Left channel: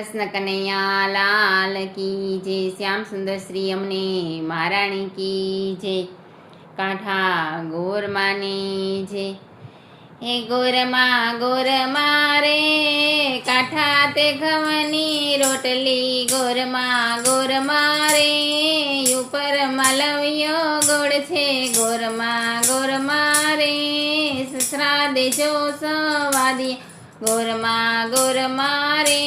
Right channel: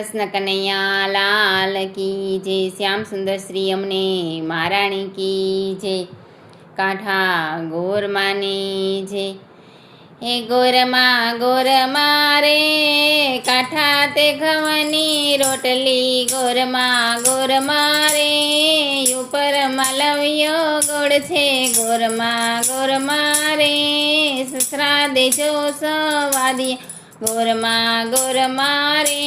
કૃષ્ણ કનૈયા લાલ કી જય, શ્યામ સુંદર શ્રી અમને મહારાણી કી જય, કાંઠા ગોરમાની જય. હે ગોરમા રે કાંઠા તે ઘઉંની રોટલી, ગોરમા રે ઉપર માલવ્યો ગોળ છે, ગોરમા રે સસરા દેજો સવાદી, ગોરમા રે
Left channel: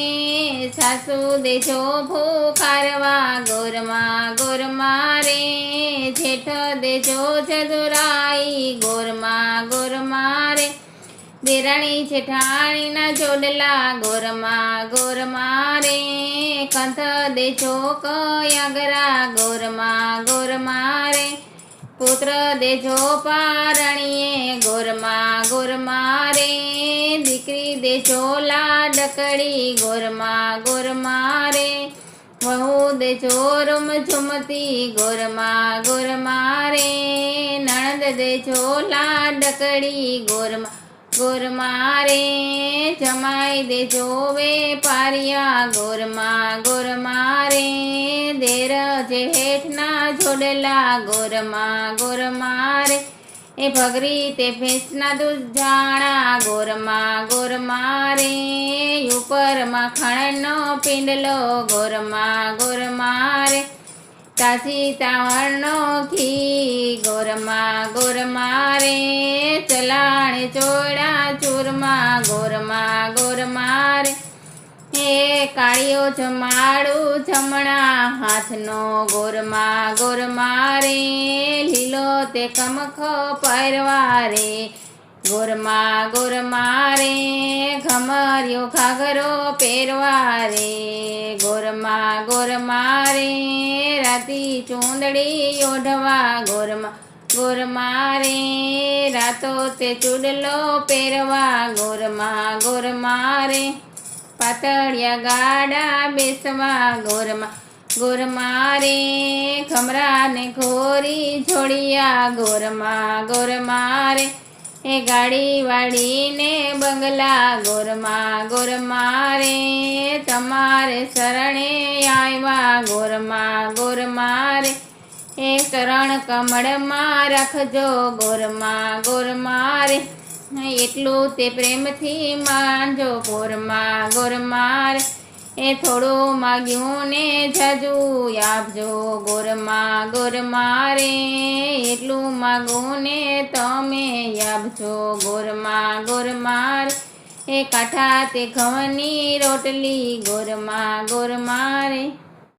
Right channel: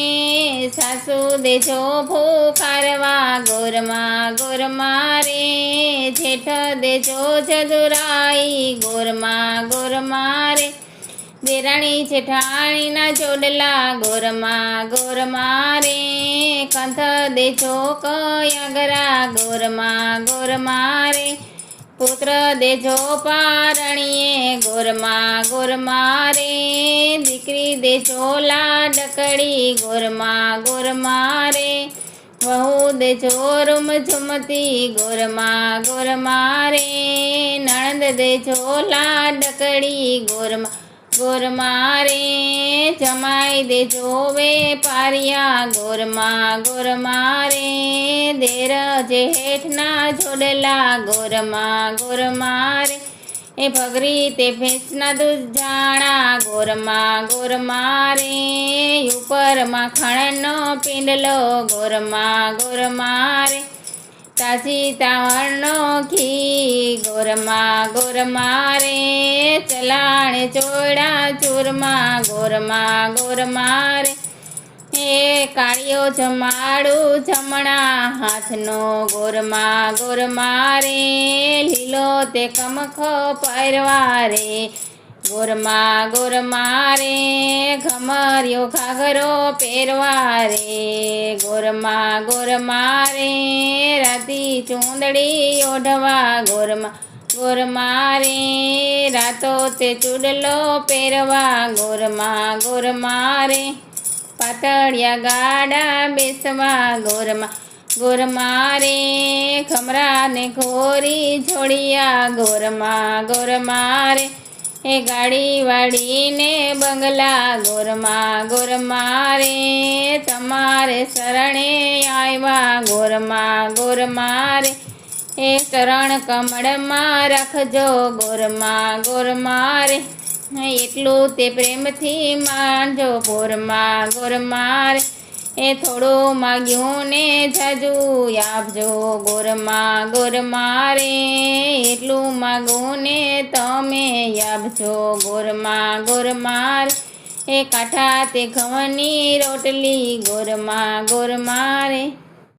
સાસુ દેજો ભૂખારવા, ગોરમા રે જેઠ દેજો જદુરાઈ, ગોરમા રે દેરાણી જેઠાણીના જોડલા, ગોરમા રે કંથ દેજો કયાગરા, ગોરમા રે પુત્ર દેજો પારણીએ, ગોરમા રે દીકરી દેજો લાડકડી, ગોરમા રે વહુ દેજો રૂમ ઝુમતી, ગોરમા રે નણંદ દેજો લાડકડી, ગોરમા રે જમાઈ દેજો વેપારિયા, ગોરમા રે દેર જેઠના જોડેલા, ગોરમા રે એ ભગરી તે ભેંસના દૂધ જાણા, ગોરમા રે ઉપર માખણનો પિંડલો, ગોરમા રે તાજી તાવણનો ઘી, ગોરમા રે ચલાણે ચોડા ચૂરમા, ગોરમા રે હે કાળિયો જમાડું જમણા હાથનો, ગોરમા રે લીલો તે કમખ પહેરવા રે, ગોરમા રે ઘમરિયો ઘાઘરો પહેરવા રે, ગોરમા રે રાતી ચૂંદડી ઓઢવા, ગોરમા રે રાતો તે ચૂડલો પહેરવા, ગોરમા રે પાતળિયા ગાડા બેસવા, ગોરમા રે ખમરા ને ઘોરી જોડિયા, ગોરમા રે એ ગાડી વાળીને બંગલા, ગોરમા રે તમારે શરણે આવ્યા, ગોરમા રે એ ચરણ કમળમાં રાખજો, ગોરમા રે એટલું તે પ્રેમથી માનજો, ગોરમા રે એ થોડું માગ્યું ને જાજુ આપજો, ગોરમા રે એટલું માગું ને તમે આપજો, ગોરમા રે એ કાંઠા તે ઘઉંની રોટલી, ગોરમા રે.